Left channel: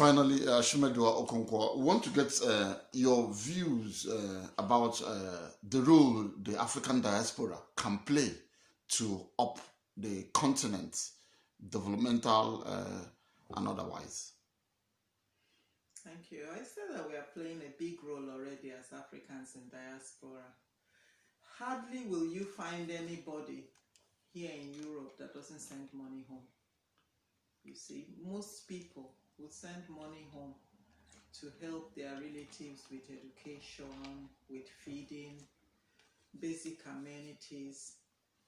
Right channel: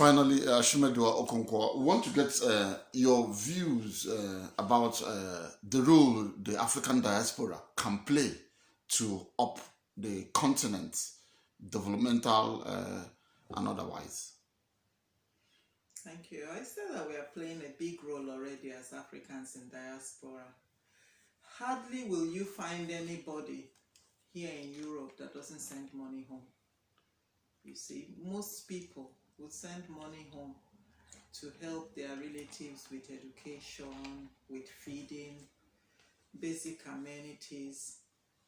Finally, Ashimedua Okonkwo, we want to get your views about the role the African diaspora can play to up the continent's developmental and otherwise. Thank you. I said that we are playing a big role already as Africans in diaspora. Hardly will you find anybody here in Europe that doesn't send money home. You see, most people will send money home to help their relatives with education, with feeding, basic amenities.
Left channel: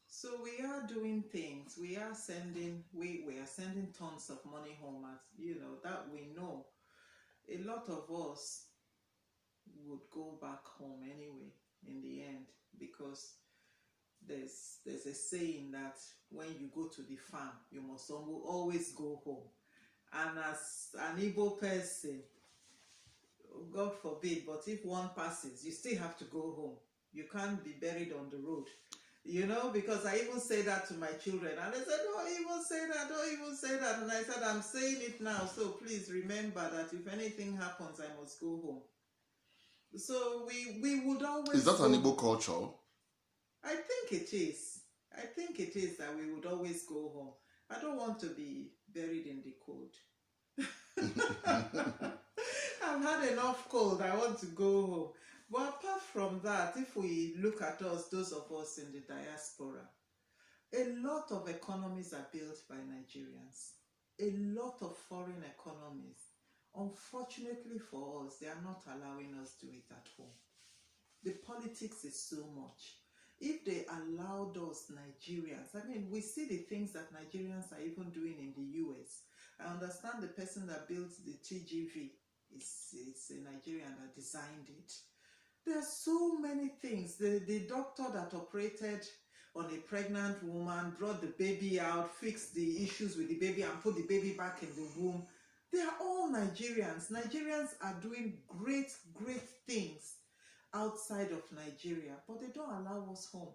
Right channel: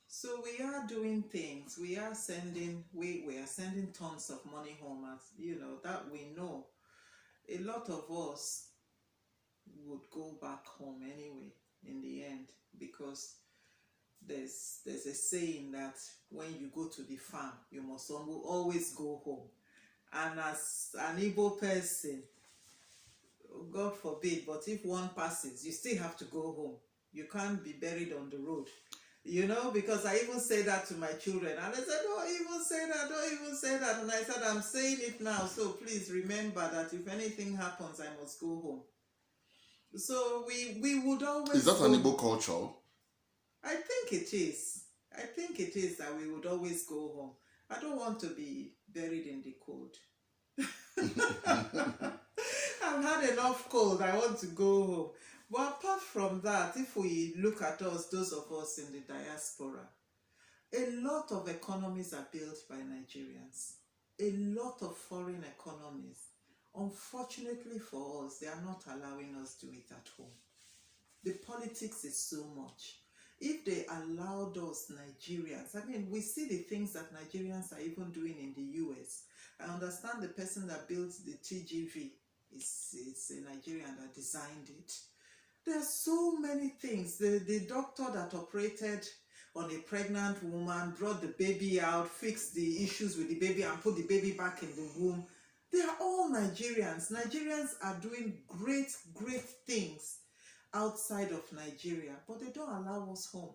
So we are doing things. We are sending tons of money home, as you know, that we know. A lot of us would go back home anyway in the end, because there's a saying that when you go to the farm, you must always go home. And as an Igbo person, God forbid, but if one passes, you still have to go home. You can't be buried on the road. You know, because I even say that to my children, and they said, don't even say that, don't even say that. And I said, I'm saying it now, so please remember that if anything happens, I must go home. So we would always... Is that an Igbo culture? I think it is. I think it is that we would always go home. I don't want to be buried in the cold. I've had enough cold. I want to go home. But apart from that, if we look at us, those of us in the diaspora, a lot of economies are built by Nigerians. A lot of foreign economies. Unfortunately for us, they are not allowing us to do it at home. The politics is so much. If they allowed us Nigerians, I mean, we see the things that Nigerians are even doing in the US. I understand the person that built the TGV is a Nigerian that designed it. There are so many things. The doctor that operated on a pregnant woman, brought the baby out, fixed the issues with the baby and put the baby back in the womb. They are all Nigerians. Nigerians are doing great, great things outside of Nigeria, but they don't allow us home.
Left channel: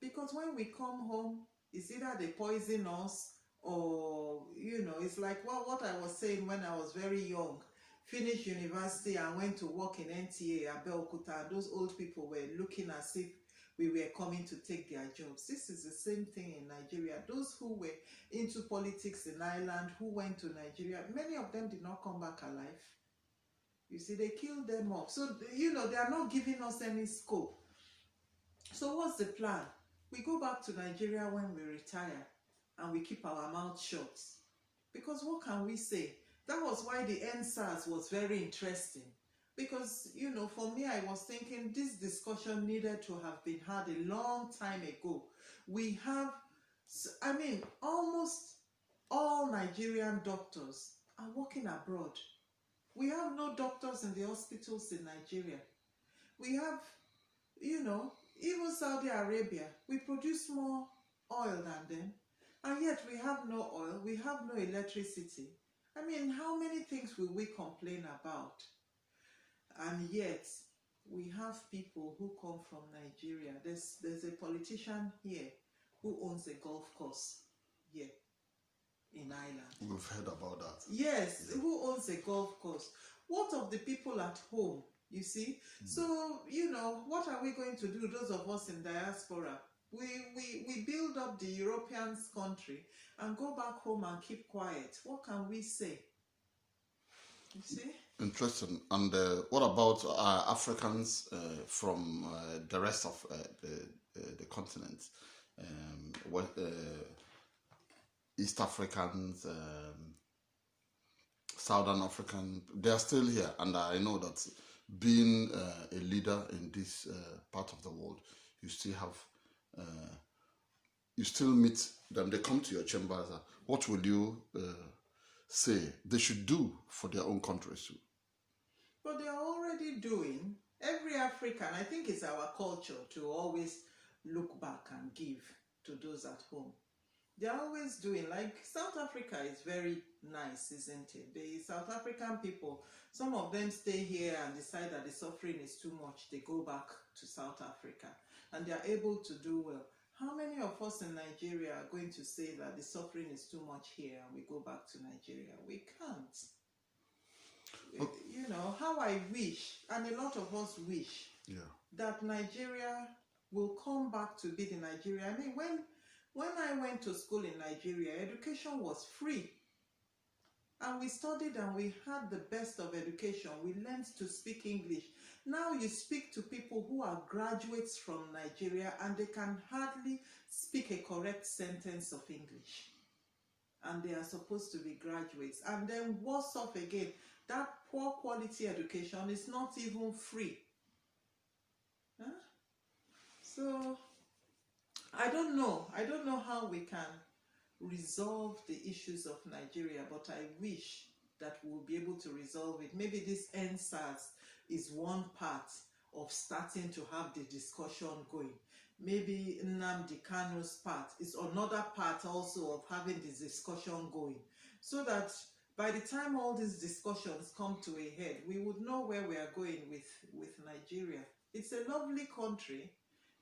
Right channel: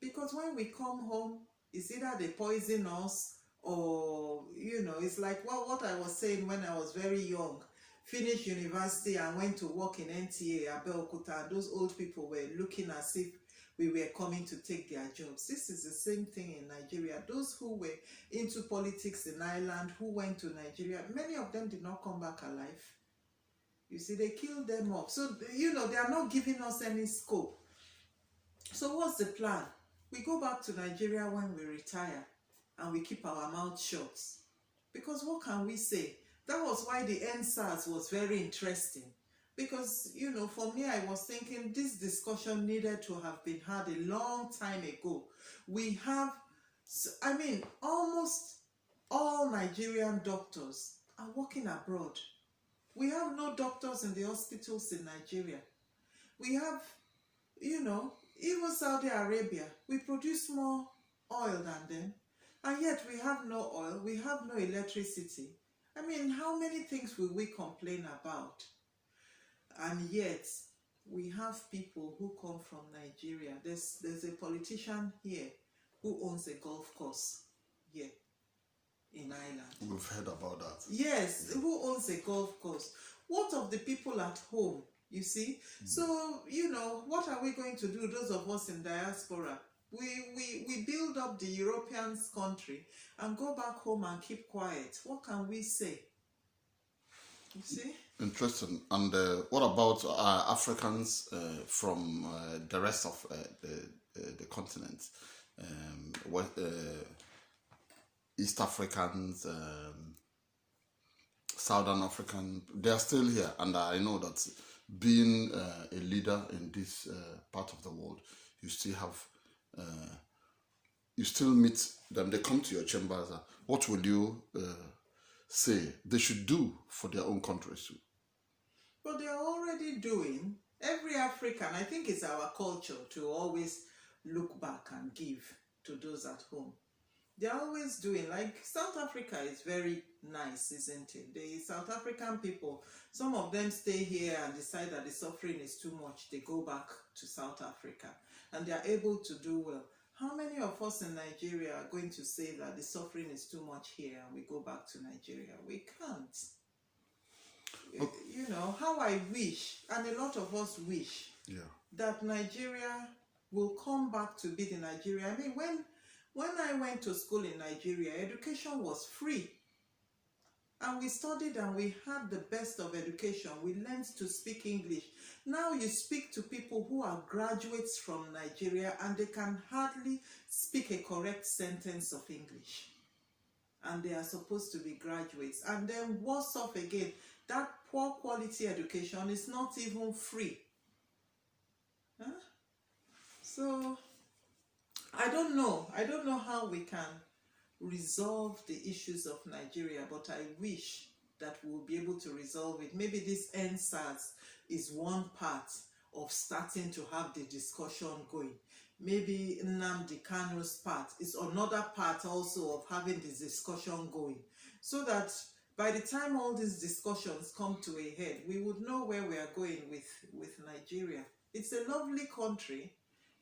Because when we come home, it's either they poison us or, you know, it's like what I was saying when I was very young. Finished university and went to work in NTA, Abeokuta. Those old people were looking as if we were coming to take their jobs. This is the same thing in Nigeria. Those who were into politics in Ireland, who went to Nigeria, many of them did not come back alive. You see, they killed them off. So, you know, they are not giving us any scope. So what's the plan? We go back to Nigeria when we retire and we keep our mouth shut. Because what can we say? That was why the NSAS was very interesting. Because, you know, for me, I was thinking this discussion needed to have been had a long time ago. We have, I mean, almost all Nigerian doctors are working abroad. We have no doctors in the hospitals in Nigeria. We have, you know, even Saudi Arabia, we produce more oil than them. And yet we have no oil, we have no electricity. I mean, how many things will we complain about? And yet, we have people who come from Nigeria. There's a politician here who owns a golf course here in Ireland. We've heard about that. Yes, who owns a golf course? What of the people at home, you see? So, you know, what are we going to do, those of us in diaspora? We build up the Europeans' country and go back home and keep quiet. What can we say? You see? Interesting. And what about Africans from the rest of the continent? East Africans, Southern African, they are still here. And I know that being a leader in this part of the world, you still have, you still meet them. They come to your chambers. What will you say they should do for their own countries too? But they are already doing. Every African, I think it's our culture to always look back and give to those at home. They are always doing, like South Africa is very nice, isn't it? The South African people, some of them stay here and decide that the suffering is too much. They go back to South Africa and they are able to do well. How many of us in Nigeria are going to say that the suffering is too much here and we go back to Nigeria? We can't. I wish, and a lot of us wish, that Nigeria will come back to be the Nigeria. I mean, when I went to school in Nigeria, education was free. And we studied and we had the best of education. We learned to speak English. Now you speak to people who are graduates from Nigeria and they can hardly speak a correct sentence of English. And they are supposed to be graduates. And then worse off again, that poor quality education is not even free. Huh? So, I don't know how we can resolve the issues of Nigeria, but I wish that we'll be able to resolve it. Maybe this NSAS is one part of starting to have the discussion going. Maybe Nnamdi Kanu's part is another part also of having this discussion going. So that by the time all these discussions come to a head, we would know where we are going with Nigeria. It's a lovely country.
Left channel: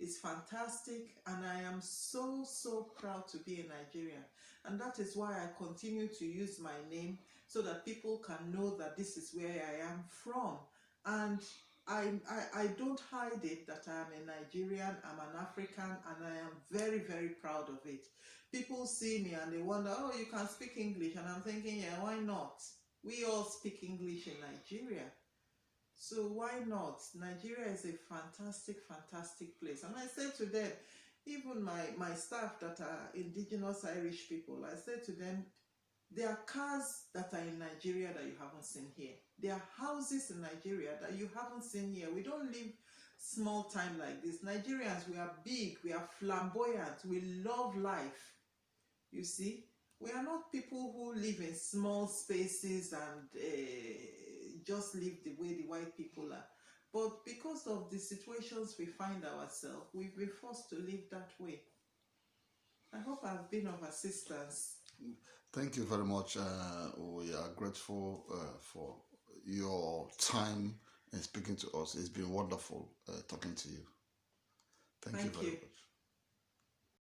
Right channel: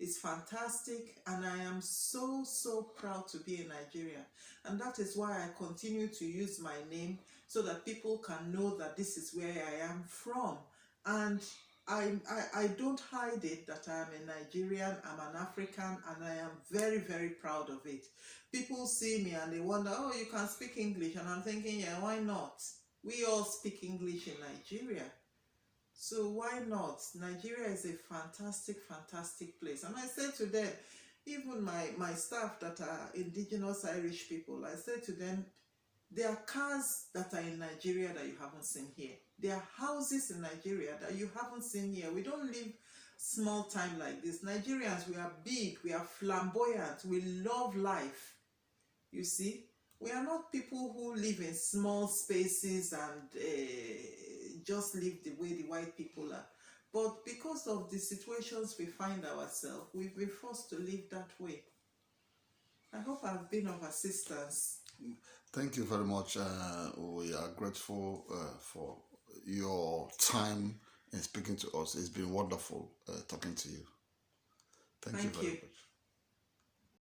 It's fantastic, and I am so proud to be a Nigerian. And that is why I continue to use my name so that people can know that this is where I am from. And I don't hide it that I am a Nigerian, I'm an African, and I am very proud of it. People see me and they wonder, oh, you can speak English. And I'm thinking, yeah, why not? We all speak English in Nigeria. So why not? Nigeria is a fantastic place. And I said to them, even my staff that are indigenous Irish people, I said to them, there are cars that are in Nigeria that you haven't seen here. There are houses in Nigeria that you haven't seen here. We don't live small time like this. Nigerians, we are big, we are flamboyant, we love life. You see, we are not people who live in small spaces and just live the way the white people are. But because of the situations we find ourselves, we've been forced to live that way. I hope I've been of assistance. Thank you very much. We are grateful for your time in speaking to us. It's been wonderful talking to you. Thank you very much.